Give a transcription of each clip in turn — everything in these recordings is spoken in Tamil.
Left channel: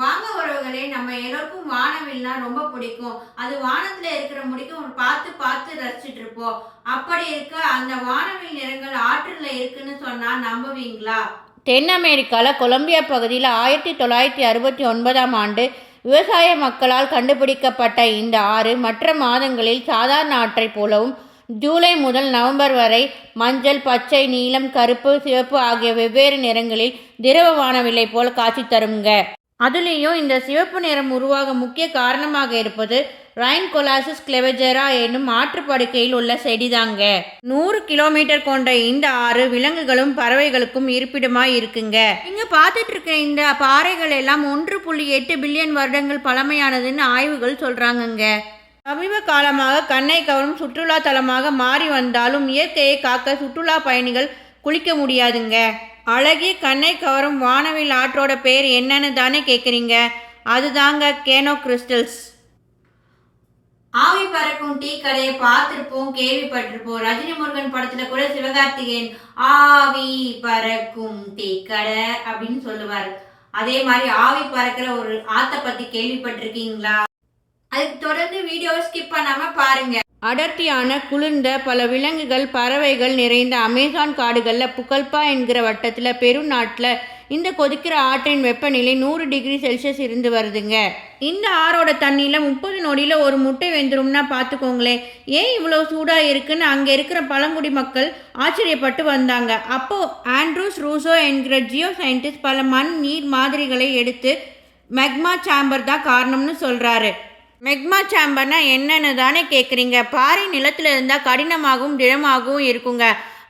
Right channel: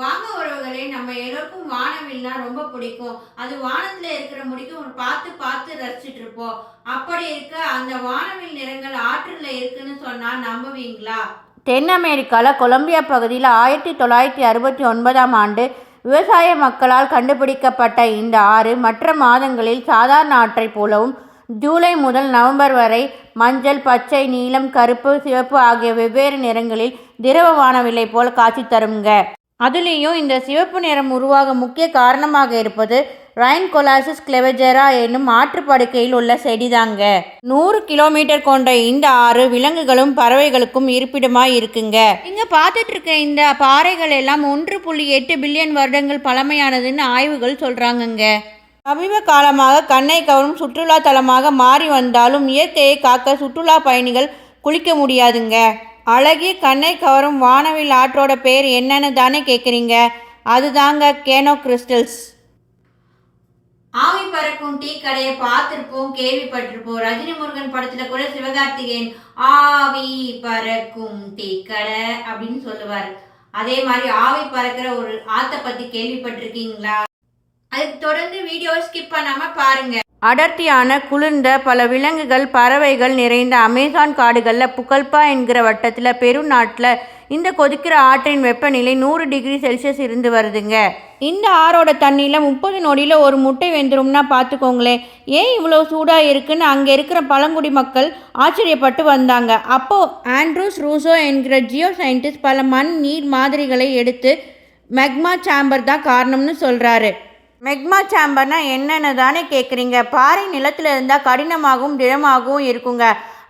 வாங்க உறவுகளே, நம்ம எல்லோருக்கும் வானவில்னா ரொம்ப பிடிக்கும். அது வானத்துல இருக்கிற முடிக்கும் ஒரு பார்த்து பார்த்து ரசிச்சுட்டு இருப்போம். அப்படி இருக்க அந்த வானவில் நிறங்கள் ஆற்றுல இருக்குன்னு சொன்னா நம்புவீங்களா? தென் அமெரிக்காவில் கொலம்பியா பகுதியில் 1969ஆம் ஆண்டு விவசாய மக்களால் கண்டுபிடிக்கப்பட்ட இந்த ஆறு மற்ற மாதங்களில் சாதாரண ஆற்றைப் போலவும் ஜூலை முதல் நவம்பர் வரை மஞ்சள், பச்சை, நீலம், கருப்பு, சிவப்பு ஆகிய வெவ்வேறு நிறங்களில் திரவ வானவில்லை போல் காட்சி தருங்க. அதுலேயும் இந்த சிவப்பு நிறம் உருவாக முக்கிய காரணமாக இருப்பது ரைன்கொலாசிஸ் கிளெவஜெரா என்னும் ஆற்றுப்படுக்கையில் உள்ள செடிதாங்க. 100 கிலோமீட்டர் கொண்ட இந்த ஆறு விலங்குகளும் பறவைகளுக்கும் இருப்பிடமாக இருக்குங்க. இங்கே பார்த்துட்டு இருக்க இந்த பாறைகள் எல்லாம் 1.8 பில்லியன் வருடங்கள் பழமையானதுன்னு ஆய்வுகள் சொல்கிறாங்கங்க. சமீப காலமாக கண்ணை கவரும் சுற்றுலா தலமாக மாறி வந்தாலும் இயற்கையை காக்க சுற்றுலா பயணிகள் குளிக்க முடியாதுங்க. அழகிய கண்ணை கவரும் வானவில் ஆற்றோட பேர் என்னன்னு தானே கேட்குறீங்க? அதுதாங்க கேனோ கிறிஸ்டல்ஸ். ஆவி பறக்கும் டீ கடையை பார்த்துருப்போம், கேள்விப்பட்டிருப்போம். ரஜினி முருகன் படத்துல கூட சிவகார்த்திகேயன் ஆவி பறக்கும் டீ கடை அப்படின்னு சொல்லுவார். அதே மாதிரி ஆவி பறக்கிற ஒரு ஆத்தை பத்தி கேள்விப்பட்டிருக்கீங்களா? அதுக்கு தொடர்ந்து வீடியோவை ஸ்கிப் பண்ணாம பாருங்க. அடர்த்தியான குளிர்ந்த பல விலங்குகள் பறவைகள் நிறைந்த அமேசான் காடுகளில் புகல்பா என்கிற வட்டத்தில் பெருநாட்டில் இந்த கொதிக்கிற ஆற்றின் வெப்பநிலை 100 டிகிரி செல்சியஸ் இருந்து வருதுங்க. இந்த ஆறோட தண்ணியில் 30 நொடியில் ஒரு முட்டை வெந்துரும்னா பார்த்துக்கோங்களேன். ஏன் இவ்வளோ சூடாக இருக்குன்னு அங்கே இருக்கிற பழங்குடி மக்கள் ஆச்சரியப்பட்டு வந்தாங்க. அப்போது ஆண்ட்ரூஸ் ரூசோ என்கிற ஜியோ சயின்டிஸ்ட் பல மண் நீர் மாதிரிகளை எடுத்து மெக்மா சாம்பர் தான் காரணம்னு சொல்கிறாரு. மெக்மா சாம்பர்னா என்னென்னு தானே கேட்குறீங்க? பாறை நிலத்தில் இருந்தால் கடினமாகவும் திடமாகவும் இருக்குங்க.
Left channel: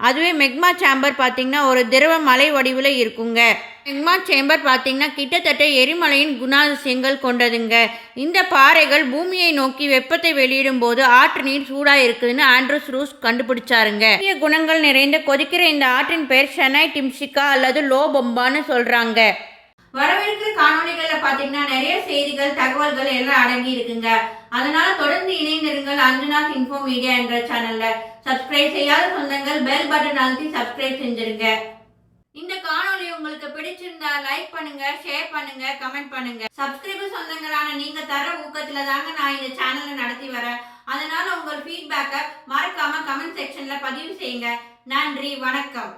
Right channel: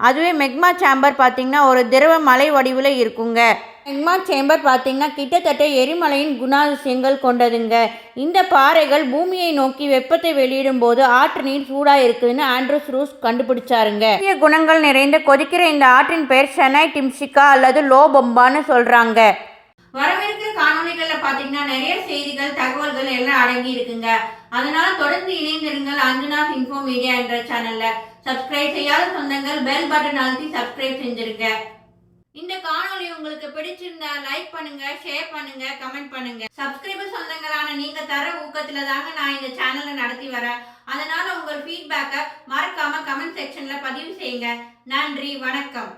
அதுவே மெக்மா சாம்பர் பார்த்திங்கன்னா ஒரு திரவ மலை வடிவில் இருக்குங்க. மெக்மா சேம்பர் பார்த்திங்கன்னா கிட்டத்தட்ட எரிமலையின் குணாதிசயங்கள் கொண்டதுங்க. இந்த பாறைகள் பூமியை நோக்கி வெப்பத்தை வெளியிடும் போது ஆற்று நீர் சூடாக இருக்குதுன்னு ஆண்ட்ரூஸ் ரூஸ் கண்டுபிடிச்சாருங்க. முக்கிய குணங்கள் நிறைந்த கொதிக்கிற இந்த ஆற்றின் பெயர் ஷெனை டிம்ஷிகா அல்லது லோ பொம்பான்னு சொல்கிறாங்க. வரவிருக்கிற காணொலிகள்ல பாத்தீங்கன்னா நிறைய செய்திகள், தகவல்கள் எல்லாம் அடங்கி இருக்குங்க. அதனால தொடர்ந்து இணைந்திருங்கள் அஞ்சனாஸ் இன்ஃபோ மீடியா என்ற சேனல்ல. சப்ஸ்கிரைப் செய்யாத சொந்தங்கள் பெல் பட்டன் அழுத்தி சப்ஸ்கிரைப் செஞ்சிருங்க. இந்த காணொலி உங்களுக்கு பிடிச்சிருந்தா லைக் பண்ணுங்க, ஷேர் பண்ணுங்க, கமெண்ட் பண்ணுங்க. சப்ஸ்கிரைபர் சொந்தங்களான நீங்க தர ஊக்கத்துல தாங்க நான் இந்த சேனலை நடத்தி வரேன். அதனால உங்கள் ஃபீட்பேக்கை மறக்காம கமெண்ட் செக்ஷன்ல பதிவு செய்யுங்க. நன்றி, வணக்கம்.